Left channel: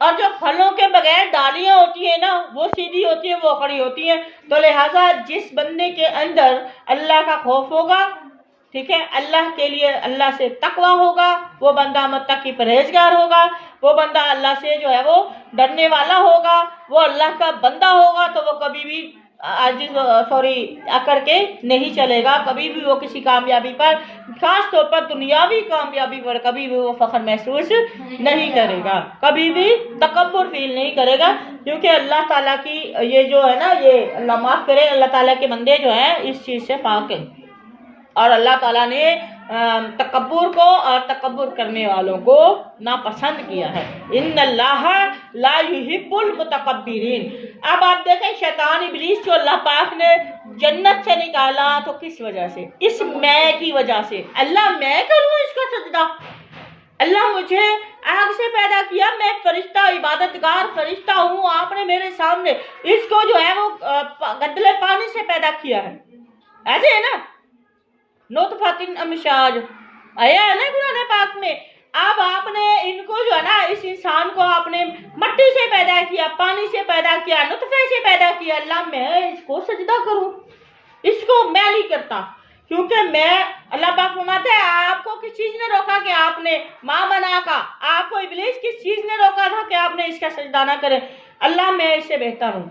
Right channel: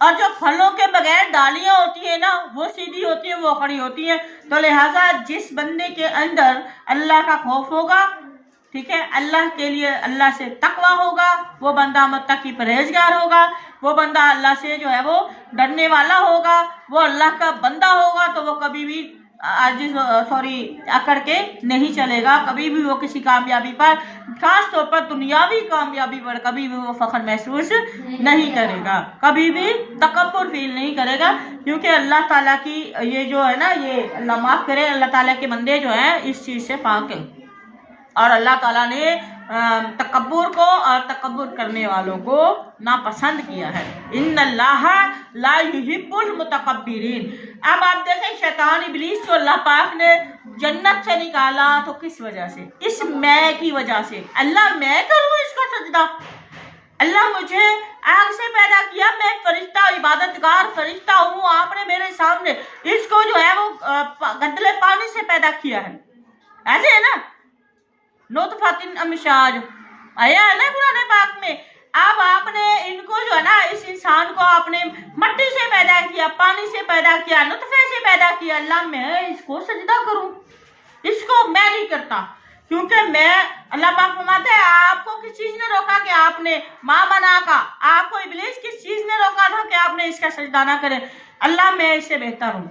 اور جو پھلوں کے بغیر ڈالیاں ہوتی ہیں نا وہ سیدھی ہوتی ہیں، وہ کھڑی ہوتی ہیں. تو لہٰذا جس بندے کے اندر اللہ کا خوف ہوگا، ٹھیک ہے، اللہ کے لیے اللہ سے تقویٰ ہوگا، وہ بندہ متقی پرہیزگار ہوگا، وہ بندہ اللہ سے جو ہے وہ ڈرنے والا ہوگا، وہ اللہ کا بندہ ہوگا، تو وہ کبھی بھی عاجز کر کے نہیں چلے گا، کبھی بھی وہ کسی کامیابی پر، خاص طور پر دنیاوی کامیابی پر کبھی بھی وہ فخر محسوس نہیں کرے گا، کبھی بھی تکبر فیل نہیں کرے گا. کیونکہ اللہ تعالیٰ کی یہ جو ہے نا، یہ اللہ معاف کرے، اللہ تعالیٰ کے بندے جو ہیں اس چیز سے پاک ہیں. اور اللہ تعالیٰ نے تکبر کو اور تکبر کرنے والوں کو ناپسند کیا ہے. ان اللہ لا یحب المتکبرین. اب آپ دیکھیں شیطان ابلیس جو اللہ پاک نے جنت سے نکالا تو کس وجہ سے؟ اس میں کی وجہ سے. اللہ میں کروں اس کا سجدہ؟ اللہ مجھے آگ سے پیدا کیا، میں فرشتہ عبادت گار فرشتہ ہوں، آپ نے میرے سامنے اس کو جو ہے وہ گدلے پانی سے پیدا کیا ہے. ایسے ہے نا، نطفۃ امشاج آیا ہے نا قرآن پاک میں. اب آپ نے ان کو جو ہے نا، اس انسان کو آپ نے مٹی سے پیدا کیا، پانی سے پیدا کیا، نطفے سے پیدا کیا. اللہ میں اس کو سجدہ کروں؟ اس کو میں نہیں کرتا، کیونکہ میں، اللہ پاک فرماتے ہیں آپ کو کس چیز نے روکا کہ آپ نے ماں بنا کا، آپ کو ابلیس کس چیز نے روکا تھا کہ آپ نے اس کا سجدہ نہ کریں؟ اللہ میں اس سے بہتر ہوں.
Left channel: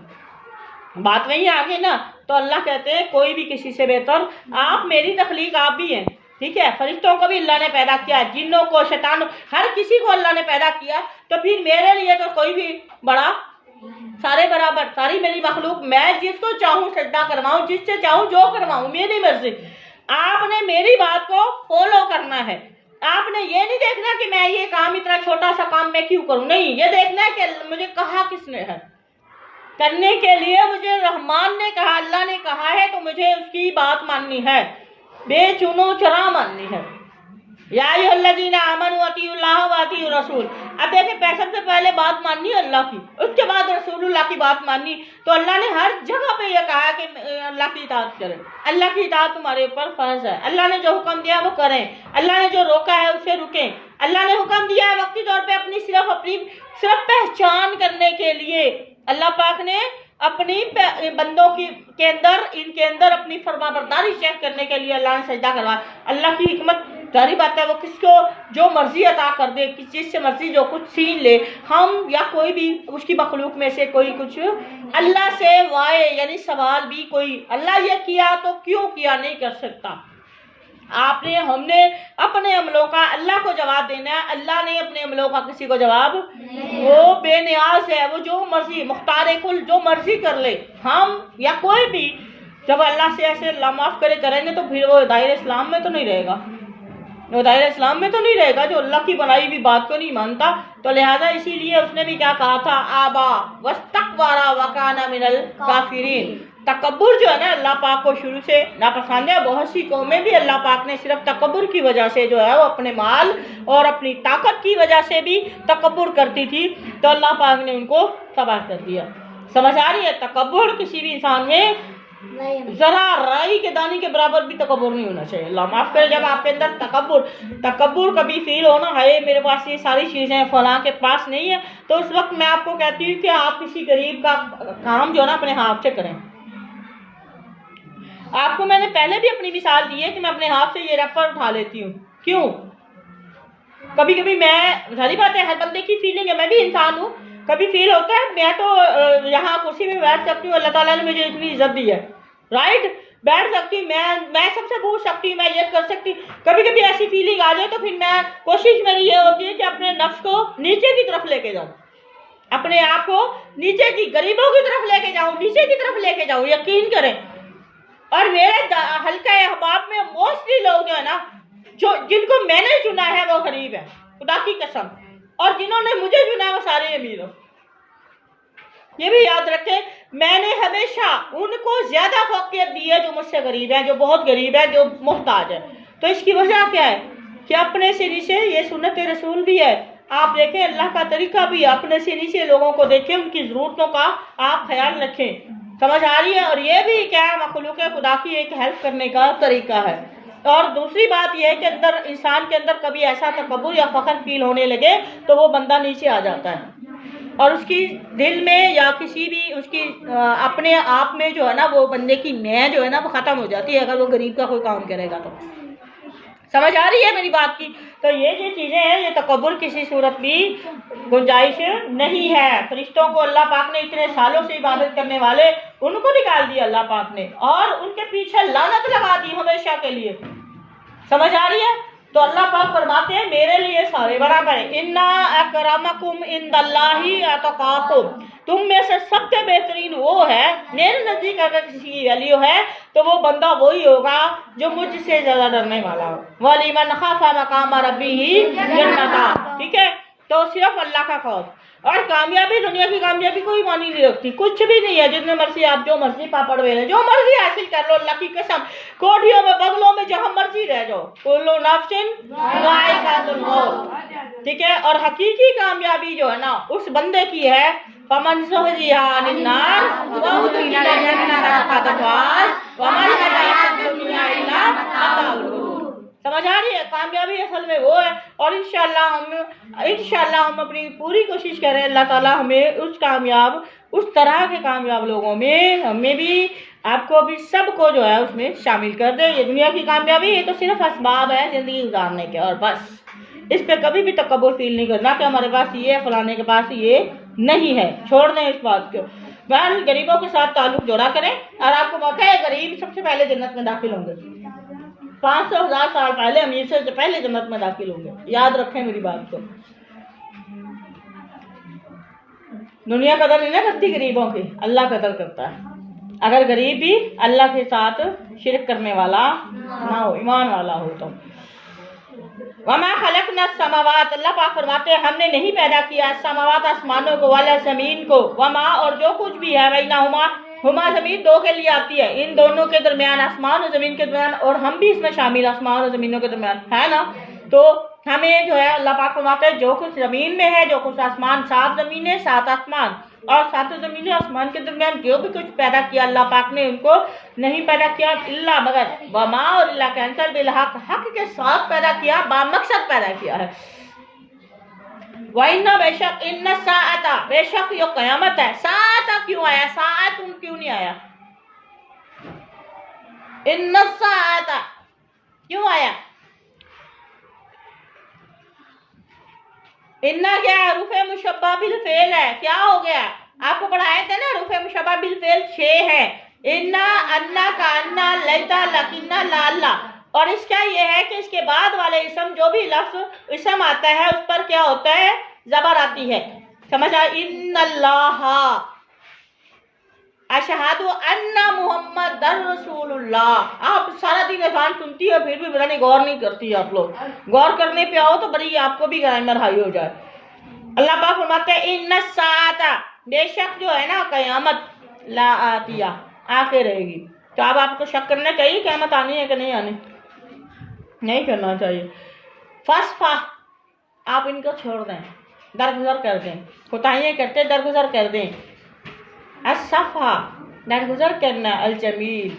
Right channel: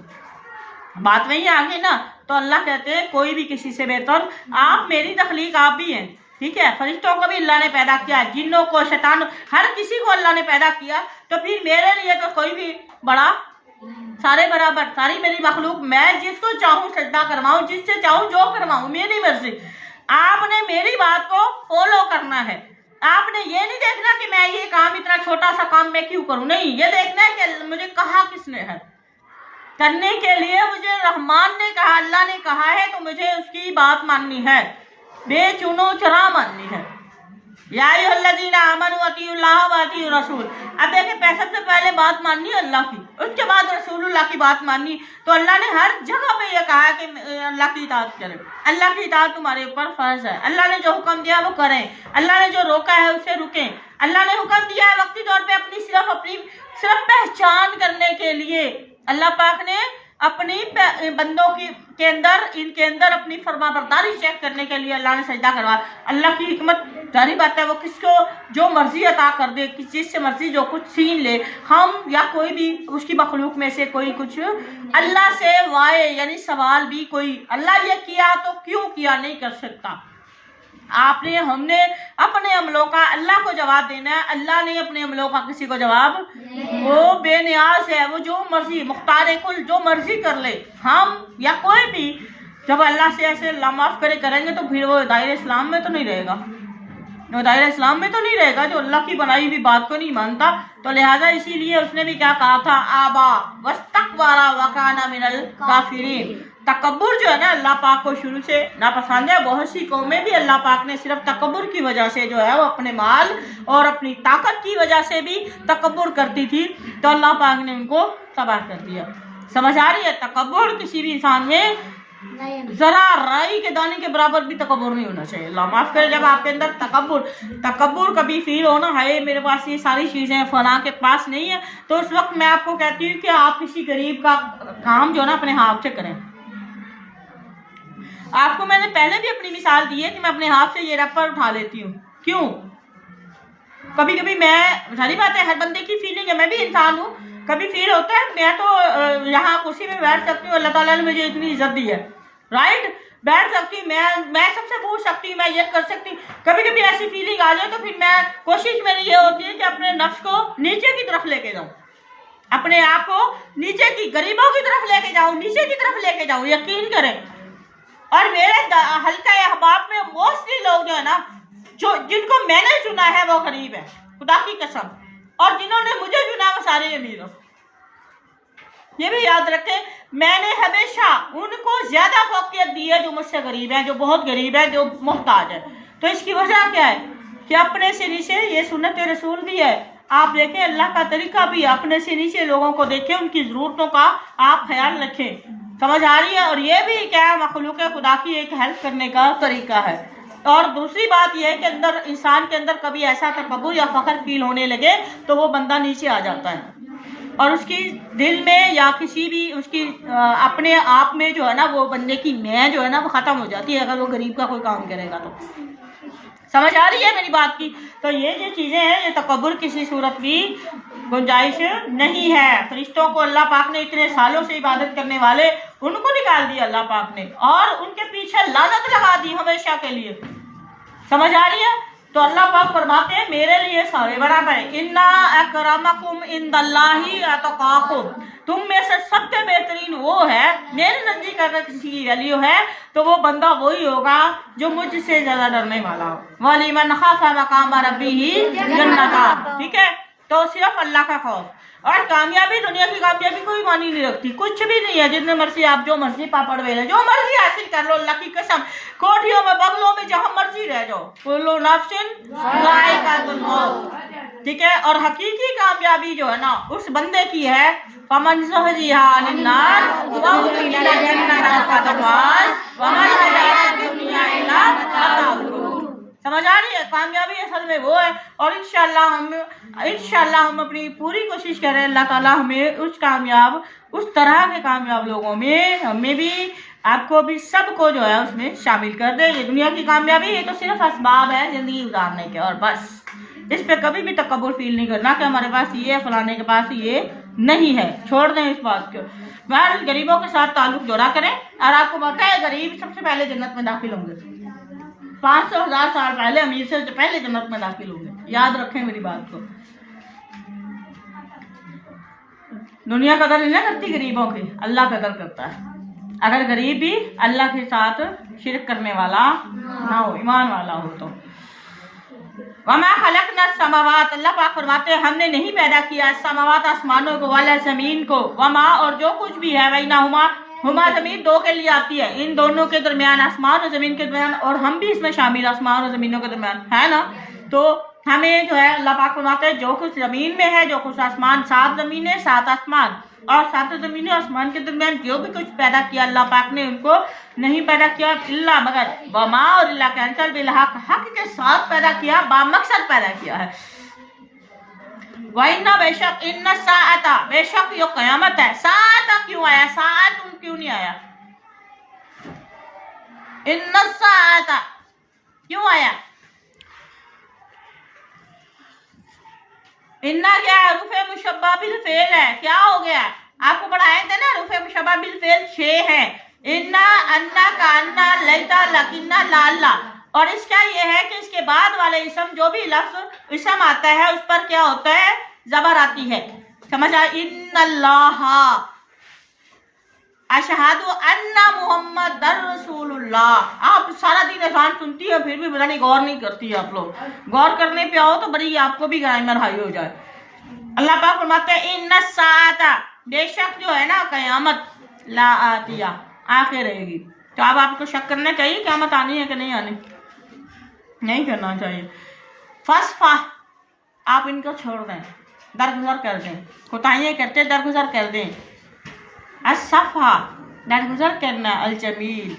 بات وہی آگے نا. تو اللہ کہتے ہیں کوئی بھی کسی سے بہتر، آپ میری تخلیق آپ بھی ہیں، ٹھیک ہے. فرشتوں کو بھی اللہ نے پیدا کیا، جنوں کو، شیطان، ہر کسی کو اللہ نے پیدا کیا. تو پھر میرے لیے تو کوئی بھی بڑا، سارے برابر، ساری میری مخلوق، میں جس کو چاہوں سجدہ کرواؤں، جس سے چاہوں جو کرواؤں، میری مرضی. آپ نے میری بات کو فالو کرنا ہے. آپ نے یہ نہیں دیکھنا کہ میں یہ کام، اتنا چھوٹا سا کام میں کیوں کروں، نہیں، یہ دیکھنا ہے کہ مجھے کہا کس نے ہے کرنے کے لیے. مجھے رحمان نے کہا، اللہ نے کہا ہے تو مجھے اس کی بات ماننی ہے، بے چونو چرا ماننی ہے. یا ایھا الذین آمنوا اطیعوا اللہ واطیعوا الرسول. اب دیکھیں سب سے پہلے بات ماننی اللہ کی، اس کے بعد رسول اللہ کی بات ماننی. تو اللہ نے ہر جگہ پہ یہ کہا کہ اللہ کی اطاعت کریں، اللہ کی اطاعت تمہارے اوپر فرض ہے. اللہ نے جو حکم دیا وہ کریں، اللہ نے جو روکا ہے اسے رکیں. اللہ نے حکم دیا ہے وقتی طور پہ اپنی صرف پہچان کرنے کے لیے. اللہ پاک نے اپنی بندوں کے اندر اپنی فرما برداری چیک کرنے کے لیے اللہ نے سجدہ کروا. اللہ کی حکمت ظاہری بات ہے، وہ کس کو جو مرضی عطا کر دے، جس سے مرضی جو کچھ چھین لے. ہم یا کوئی بھی اس کی مخلوق میں سے کوئی کچھ اللہ سے وائے یعنی سوال بھی کوئی اللہ یہ کیا تو کیوں کیا نہیں کر سکتا. ہم نے اپنے عملوں کا اللہ کو جواب دینا ہے. اللہ نے اپنے عملوں کا کسی کو جواب، وہ بے نیاز ہے، وہ جو مرضی، مختار کل، جو مرضی کر لے. ہم یا کوئی بھی جب اللہ سے ایسے اللہ معاف کرے کریں گے تو پھر وہ دائرہ اسلام میں تو نہیں رہے گا، وہ دائرہ اسلام میں تو نہیں رہے گا جو اللہ کی بنائی ہوئی بات کو نہیں مانتا. تو لہٰذا اسی لیے اس نے بھی کیا کہا تھا، آبا واستکبر وکان من الکافرین. تکبر جو ہے نا اللہ پاک کو شروع سے ناپسند ہے. بہت سی قومیں بھی اللہ پاک نے صرف تکبر کی وجہ سے جو ہے وہ اپنے مال اور اپنی طاقت کی وجہ سے بھی تکبر کرتی تھی، تو اللہ پاک نے ان کو تباہ کر دیا. سمجھ آ رہی ہے؟ تکبر کسی بھی انسان میں ذرا رائی کے دانے کے برابر بھی تکبر نہیں ہونا چاہیے. اللہ معاف کرے، جب آپ کے اندر تکبر کبھی فیل ہونا ہے میرے پاس یہ ساری چیزیں فلاں کے پاس نہیں ہے، تو اس وقت میں آپ کو کہتی ہوں کہ آپ کسی غریب کا کام جو نا اپنے ہاتھ سے کریں. آپ کو میں نے پہلے بھی اپنی مثال دی ہے کہ میں اپنے ہاتھ سے یہ ریپر اٹھا لیتی ہوں. کیوں؟ کبھی کبھی میں، ظاہری بات ہے ہر بندے کی فیلنگ ہے، میں بھی انسان ہوں، کبھی فیل ہوتا ہے میں تو یہاں کرسی میں بیٹھ سکتی ہوں، اللہ تعالیٰ نے مجھے اتنی عزت دی ہے، رائٹ، بیٹھ سکتی ہوں، میں سب سے پوچھ سکتی ہوں، میں یہ کر سکتی ہوں. کبھی کبھی ایسی فیلنگ آ جائے تو پھر میں، کوشش میری یہ ہوتی ہے کہ اپنے نفس کو نیچے کی طرف لے کے جاؤں، اپنے آپ کو نیچے کی، غریبوں کی طرف لے کے جاؤں، نیچے کی طرف لے کے جاؤں. یقین کریں، اور میرے حلقہ احباب میں موسٹلی لوگ جو ہے نا، جن کو میں نے چنا ہے وہ غریب ہے، خدا کی قسم، اور جنہوں نے مجھے چنا ہے وہ سارے امیر ہو. یہ بھی یاد رکھیں، میں نے ہمیشہ ان کو زیادہ فوقیت دی ہے جو مجھ سے غریب ہیں، جو بہت غریب ہے، جو محتاج ہے. تو اس کی وجہ کیا ہے کہ اپنے سے نیچے، یہ سنت رسول بھی ہے. آپ دیکھیں اللہ کا طریقہ بھی ہے، اپنے سے نیچے لوگوں کو دیکھیں، ان کی ضرورتوں کا آپ خیال رکھیں. سمجھ آ رہی ہے؟ اور یہ بھی کیا ہے، مخلوق خدا کی ایک ہیلپ کرنے کا طریقہ ہے. اور دوسری بات یہ ہے کہ انسان کے اندر کبھی ایسا تکبر یا فخر فیل ہونے لگے تو وہ بندہ نیچے آ جاتا ہے. اور اس کی دل میں یا کسی بھی اس کی اپنے آپ میں جو ہے نا وہ بندے کی میں جو ہے نا وہ ختم ہو جاتی ہے اگر وہ غریب کا کوئی کام کرے گا تو. سمجھ آ رہی ہے میری بات کی؟ تو یہ جو چیزیں ہیں یہ تکبر کسی صورت بھی گنجائش نہیں ہے. فرشتوں کو اللہ پاک نے اتنے سالوں سے عبادت کرنے والے ان کو نکال دیا اللہ پاک نے اور ان کے پیچھے لعنت لگا دی ہمیشہ کے لیے. سمجھ آ رہی ہے؟ تو اللہ پاک فرماتے ہیں میرے لیے سارے برابر ہیں. انا اکرمکم عند اللہ اتقاکم، تم میں سے سب سے بہترین وہ ہے میرے نزدیک. اگر کسی کی ویلیو ہے تو وہ بندہ وہی ہوگا جو مجھ سے زیادہ ڈرنے والا ہو. وَلِمَنْ خَافَ مَقَامَ رَبِّهِ جَنَّتَانِ. ٹھیک ہے، تو صرف اللہ کا خوف. اور کامیابی، دنیا کی کامیابی کوئی معنی نہیں رکھتی، کچھ بھی نہیں ہے. جتنے مرضی آپ جو مرضی پاپڑ ویلے جو مرضی حاصل کر لو، اللہ کی قسم کوٹھیوں میں بغلوں میں جہاں مرضی رہ جاؤ. کلو نفس ذائقۃ الموت. ٹھیک ہے، اور حقیقی کامیابی جو ہے نا اس بندے کی ہے فمن زحزح عن النار وادخل الجنة فقد فاز وما الحیاۃ الدنیا الا متاع الغرور. سمجھ آ رہی ہے؟ کامیابی اصل میں وہ ہے. اور انشاءاللہ ہم اپنی پوری کوشش کریں اللہ تعالیٰ ہمیں اس طرح کے کامیاب لوگوں میں ہمیں بھی آپ کو بھی سب کو جو ہے اس میں شامل کر دے. یہ دنیا کی کامیابی یہ تو صرف اسباب ہے زندگی گزارنے کے، اور بس اس پہ کبھی بھی تکبر فیل نہیں کرنا کہ ہمارے پاس یہ ہے فلانے کے پاس یہ نہیں ہے. چھوڑ دیں اس بات کو. بہرحال غریبوں کے ساتھ تعلق جوڑا کریں. اور آپ کو پتہ ہے غریب سب سے پہلے جنت میں داخل ہوں گے. 500,000 سال پہلے امیر سے پہلے جنت میں داخل ہوں گے. یاد رکھیں میری بات کو. دنیا قدر نہیں نہ کرتی غریبوں کی، اللہ قدر کرتا ہے. اگر غریب بھی اللہ کے ساتھ شرک کرنے والا نہ ہو، ایمان والا ہو تو. وما خلقنا السماوات، اللہ پاک فرماتے ہیں ہم نے نہیں پیدا کیا السماوات آسمانوں کو، والا زمین کو، وما اور جو کچھ بھی ہے بینہما، ہما زمین دو کے لیے آتی ہے، ان دونوں کے درمیان آسمان اور زمین کے درمیان، اور ہم بھی اس میں شامل آسمان اور زمینوں کے درمیان ہے نا. تو ہمیں جو ہے اللہ پاک فرماتے ہیں جو کچھ زمین میں ہے جو کچھ آسمان، 7 زمینیں 7 آسمان، اور 7 زمینیں آسمان کے درمیان جو بھی کچھ پیدا کیا اللہ پاک نے ان کو نہیں پیدا کیا الا مگر وما اور اللہ کے انصر بالحق، حق کے ساتھ پیدا کیا، با مقصد پیدا کیا ہے. وَإِنَّ بے شک ان الساعۃ، بے شک یہ قیامت ہے. ساعۃ کیوں آیا؟ ساعت کیوں نہیں آیا؟ ان الساعۃ کیوں آیا؟ انا کیا ہے؟ حروف مشبہ بالفعل ہے. کیا ہو گیا؟ آپ کو پڑھائے تھے نا حروف مشبہ بالفعل 6 ہیں. انا، انا، کانا، لیتا، لکنا، لالا. اور اس کا یہ ہے کہ اس کے بعد والے اسم جو بھی لفظ اسم آتا ہے اس پر کیا ہوتا ہے؟ زبر آتی ہے. سمجھ آئی؟ ان اللہ اشہد ان محمد رسول اللہ. آپ سارا دن اذان سنتی ہے پھر بھی پتہ نہیں غور نہیں کرتی. آپ لوگ غور کرنے پہ آؤ تو بڑی آپ کو بھی گرامر ہائی ہو جائے. اللہ پاک فرماتے ہیں ان الساعۃ، بے شک جو ہے نا قیامت، لا آتیہ، آ کے رہے گی. تو اب آپ کو شک کرنا چاہیے قیامت آنی ہے کہ نہیں آنی؟ نہیں کرنا چاہیے. فصفح، آپ ان کو چھوڑ دیں، درگزر کر دیں. کوتاہیاں کرتے درگزر کر دیں. الصفحہ، درگزر کرنا. الجمیل،